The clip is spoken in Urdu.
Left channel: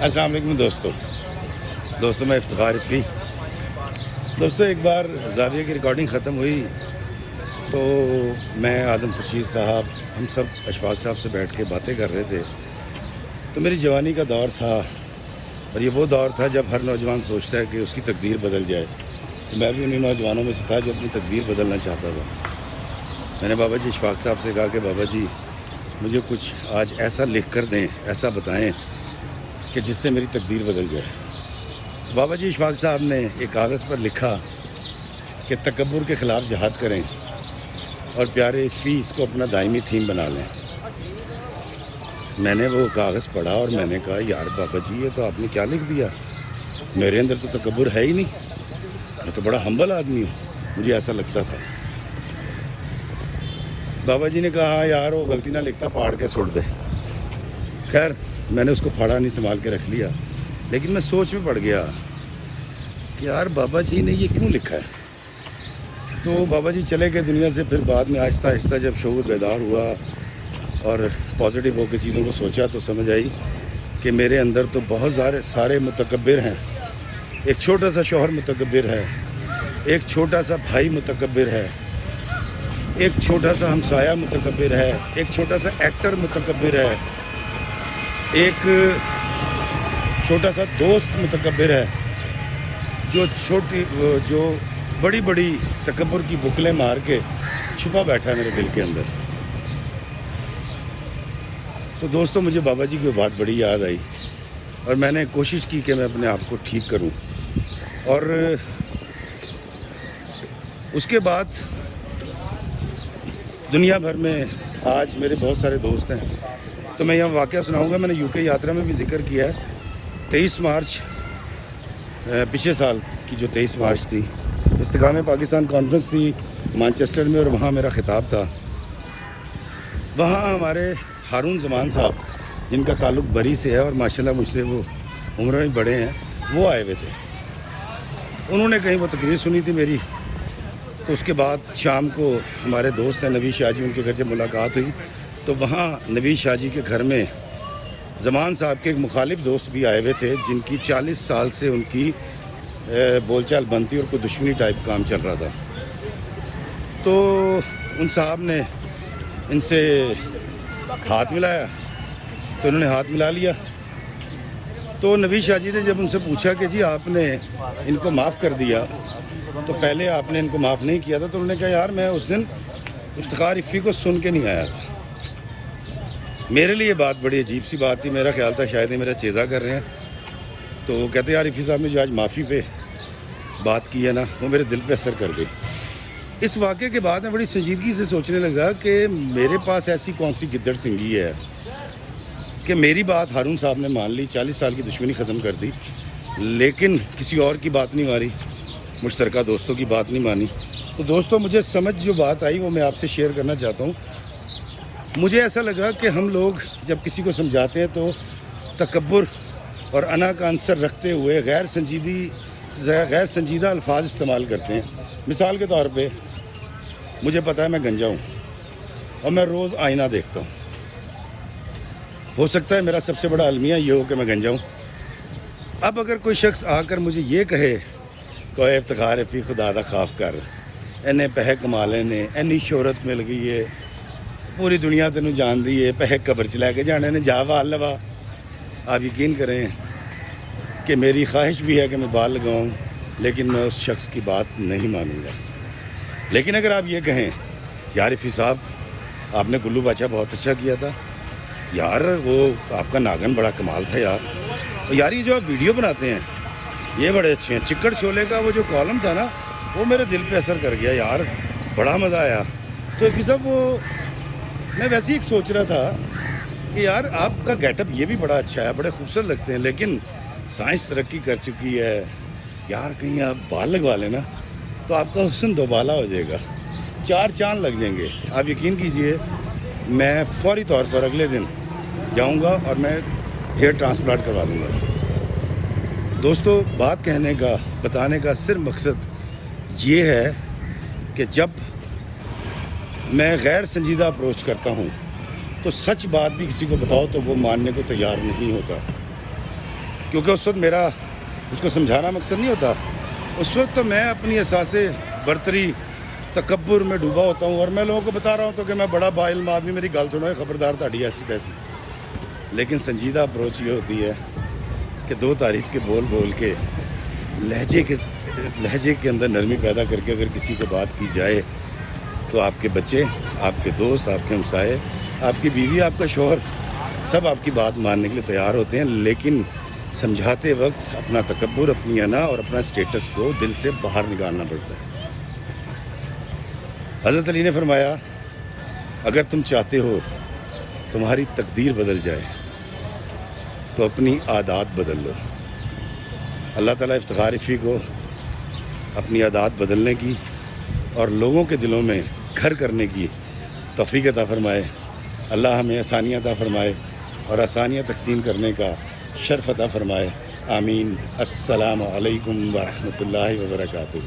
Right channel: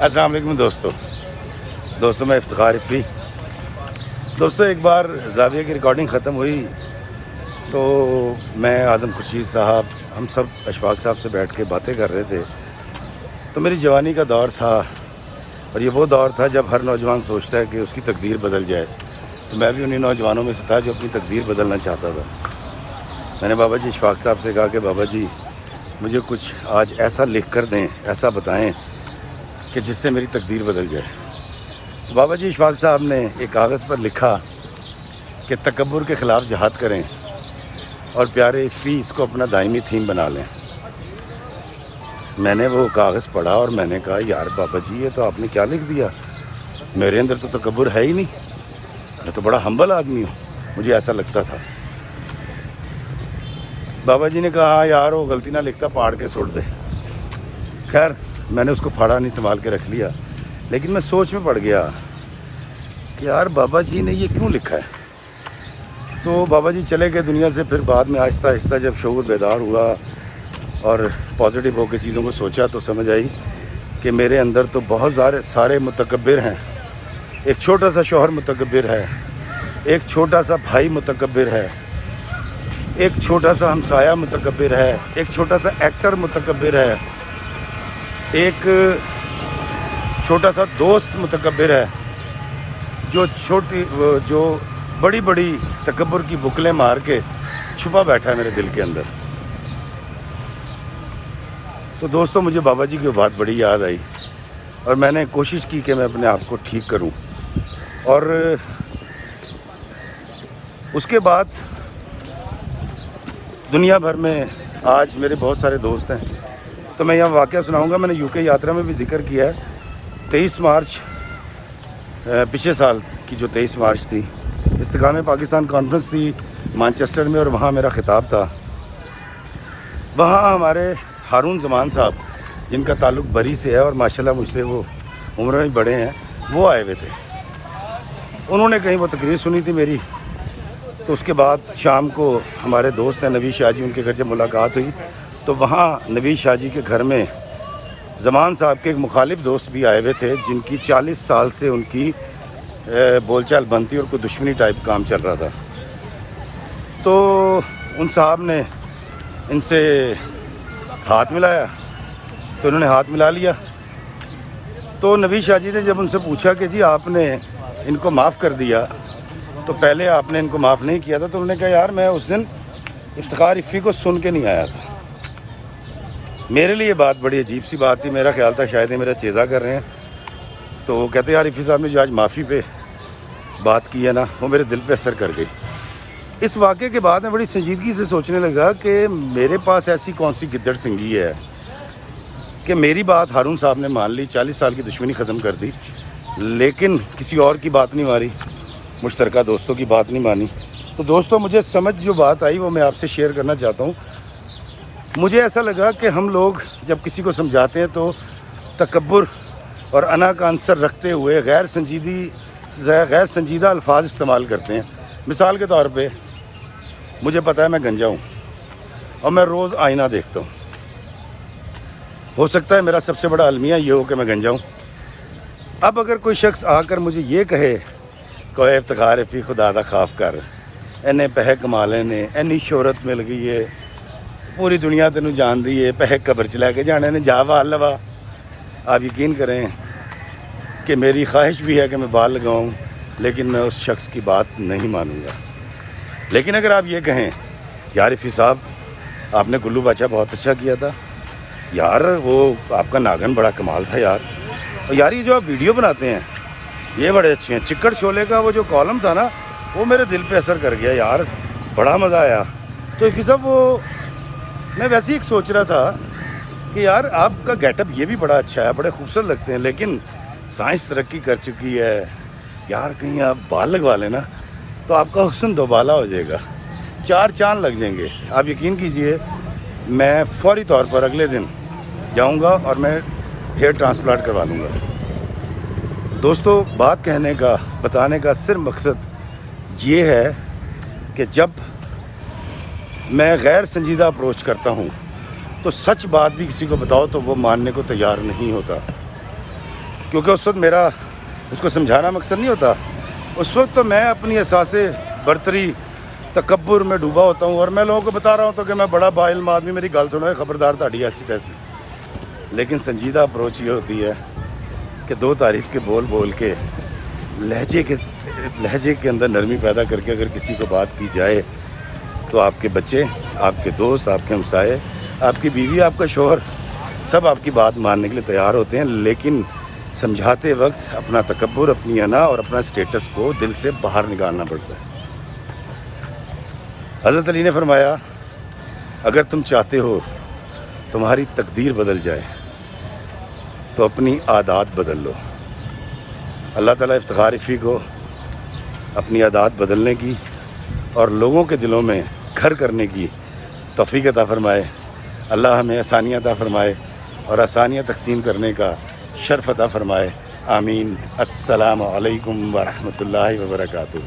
السلام علیکم دوستوں میں افتخار عفی۔ دوستوں ایک بار زاویہ کی ریکارڈنگ ختم ہوئی تو میں اعظم خورشید صاحب ہم سب اشفاق صاحب سے بیٹھ کے باتیں کر رہے تھے۔ تو میری جوانی کا دور تھا اور یہ وہ دور تھا جب ہر نوجوان سوچتا ہے کہ اس کی تقدیر بدل جائے، تو میں بھی انہیں نوجوانوں میں سے تھا جو اپنی تقدیر بدلنا چاہتا تھا۔ میں نے بابا جی اشفاق صاحب سے کہا کہ بابا جی مجھے کچھ آج ایسا لکھ کر دیں، ایسا بتائیں کہ جس سے میری تقدیر بدل جائے۔ تو بابا جی اشفاق صاحب نے ایک کاغذ پر لکھا کہ تکبر کے خلاف جہاد کریں اور پیارے عفی اس کو اپنا دائمی تھیم بنا لیں۔ میں نے وہ کاغذ پڑھا اور میں نے کہا یار بابا جی یہ تو آپ نے کیا لکھ دیا، میرے اندر تو تکبر ہے ہی نہیں، میں تو بڑا ہمبل آدمی ہوں، مجھے ایسا لگتا تھا۔ بابا جی نے کہا ہاں یار وہ غلطی نہ لکھتا، پاڑ کے سٹ دے۔ خیر میں نے اس کو پھاڑا نہیں، سنبھال کے رکھ لیا، لیکن میں سوچ میں پڑ گیا کہ یار بابا جی نے یہ کیوں لکھا ہے۔ تو بابا جی چلے گئے دنیا سے، پھر بعد میں آہستہ آہستہ جب شعور بیدار ہوا اور پازیٹیو ہو کے چیزوں کو سوچا تو سمجھ آئی کہ میرے اندر تو بہت سارے متکبر ہیں۔ ایک چھوٹا سا شوہر متکبر ہے، ایک چھوٹا سا بھائی متکبر ہے، ایک چھوٹا سا ہمسایہ متکبر ہے، ایک چھوٹا سا ایکٹر متکبر ہے، ایک چھوٹا سا دوست متکبر ہے جو بڑی بڑی تکبر کی بکلیں مار کے چھپا بیٹھا ہے میرے دل کے اندر۔ تو دوستوں مجھے بابا جی کی بات بڑی یاد آئی اور میں نے کوشش کی کہ میں اپنے آپ کو ٹھیک کروں۔ اور اس کے بعد دنیا بھر میں آج میرے بہت سارے دوست ہیں۔ تو میں یہاں واقعہ سناؤں گا، میں نے UK یاترا میں بھی ذکر کیا ہے۔ 23 مارچ پچھلے سال کی جو 23 مارچ تھی، استحکام پاکستان کانفرنس تھی مانچسٹر میں، اور وہاں میرا خطاب تھا۔ وہاں ہمارے ہارون زمان صاحب جن کا تعلق بری سے ہے اور ماشاءاللہ مجھ سے وہ عمر میں بڑے ہیں، وہ آئے ہوئے تھے۔ انہوں نے کہیں وہ تقریر سنی تھی میری، تو اس کے بعد شام کو ہمارے دوست ہیں نوید شاہ جی، ان کے گھر سے ملاقات ہوئی۔ تو وہاں نوید شاہ جی کے گھر میں زمان صاحب کے ایک مخالف دوست بھی آئے ہوئے تھے، جن کی 40 سال سے ان کی بول چال بنتی اور کوئی دشمنی ٹائپ کام چل رہا تھا۔ تو ان صاحب نے ان سے ہاتھ ملایا، تو انہوں نے ہاتھ ملا لیا۔ تو نوید شاہ جی نے جب ان سے پوچھا کہ جی آپ نے ان کو معاف کر دیا تو پہلے آپ نے ان کو معاف نہیں کیا تھا، تو انہوں نے کہا یار میں اس دن افتخار عفی کو سن کے نہیں آیا تھا، میرے لیے بات بڑی عجیب سی بات تھی، میرا خیال تھا شاید یہ میرا چیزہ کر رہے ہیں۔ تو وہ کہتے یار عفی صاحب نے جو آج معافی پہ بات کی ہے نا، وہ میرے دل پہ اثر کر گئی۔ اس واقعے کے بعد میں بڑی سنجیدگی سے سوچنے لگا کہ میرے پاس ایسی کون سی گدڑ سنگھی ہے کہ میری بات ہارون صاحب نے مان لی، 40 سال کی دشمنی ختم کر دی، لیکن کسی اور کی بات نہیں مانی، مشترکہ دوستوں کی بات نہیں مانی۔ تو دوستوں مجھے سمجھ جو بات آئی وہ میں آپ سے شیئر کرنا چاہتا ہوں۔ مجھے ایسا لگا کہ ہم لوگ جب کسی کو سمجھاتے ہیں تو تکبر اور انا کا عنصر رکھتے ہوئے غیر سنجیدہ الفاظ استعمال کرتے ہیں۔ مثال کے طور پہ مجھے پتہ ہے میں گنجا ہوں اور میں روز آئینہ دیکھتا ہوں، ہو سکتا ہے میرا سب سے بڑا المیہ یہ ہو کہ میں گنجا ہوں۔ اب اگر کوئی شخص آ کر مجھے یہ کہے کہ افتخار عفی خدا دا خاف کر، اینے پیسے کما لینے، اینی شہرت مل گئی ہے، پوری دنیا تینوں جان دی ہے، پیسے قبر چ لے کے جانے نے، جا بال لوا۔ آپ یقین کریں کہ میری خواہش بھی ہے کہ میں بال لگاؤں، لیکن میں اس شخص کی بات نہیں مانوں گا۔ لیکن اگر آپ یہ کہیں یار عفی صاحب آپ نے گلو بادشاہ بہت اچھا کیا تھا یار، وہ آپ کا ناگن بڑا کمال تھا یار، اور یار یہ جو آپ ویڈیو بناتے ہیں یہ بڑے اچھے ہیں، چکڑ چھولے کا وہ جو کالم تھا نا وہ میرے دل پہ اثر کر گیا یار، بڑا مزہ آیا۔ تو عفی صاحب وہ میں ویسے ہی ایک سوچ رہا تھا کہ یار آپ کا گیٹ اپ یہ بھی بڑا اچھا ہے، بڑے خوبصورت لگتے ہیں، لیکن سائنس ترقی کر چکی ہے یار، کہیں آپ بال لگوا لینا تو آپ کا حسن دوبالا ہو جائے گا، 4 چاند لگ جائیں گے۔ آپ یقین کیجئے میں فوری طور پر اگلے دن جاؤں گا اور میں ہیئر ٹرانسپلانٹ کروا لوں گا۔ دوستو بات کہنے کا، بتانے کا صرف مقصد یہ ہے کہ جب میں غیر سنجیدہ اپروچ کرتا ہوں تو سچ بات بھی کسی کو بتاؤ تو وہ ماننے کو تیار نہیں ہوتا۔ کیونکہ اس وقت میرا اس کو سمجھانا مقصد نہیں ہوتا. اس وقت تو میں اپنی احساس برتری تکبر میں ڈوبا ہوتا ہوں اور میں لوگوں کو بتا رہا ہوتا ہوں کہ میں بڑا با علم آدمی, میری گل سنو, خبردار تاڑی ایسی تیسی. لیکن سنجیدہ اپروچ یہ ہوتی ہے کہ دو تعریف کے بول بول کے لہجے کے اندر نرمی پیدا کر کے اگر کسی کو بات کی جائے تو آپ کے بچے, آپ کے دوست, آپ کے ہمسائے, آپ کی بیوی, آپ کا شوہر سب آپ کی بات ماننے کے لیے تیار ہوتے ہیں. لیکن سمجھاتے وقت اپنا تکبر, اپنی انا اور اپنا اسٹیٹس کو دل سے باہر نکالنا پڑتا ہے. حضرت علی نے فرمایا اگر تم چاہتے ہو تمہاری تقدیر بدل جائے تو اپنی عادات بدل لو. اللہ تعالیٰ افتخار افی کو اپنی عادات بدلنے کی اور لوگوں کے دلوں میں گھر کرنے کی توفیق عطا فرمائے. اللہ ہمیں آسانیاں عطا فرمائے اور آسانیاں تقسیم کرنے کا شرف عطا فرمائے. آمین. السلام علیکم ورحمۃ اللہ وبرکاتہ.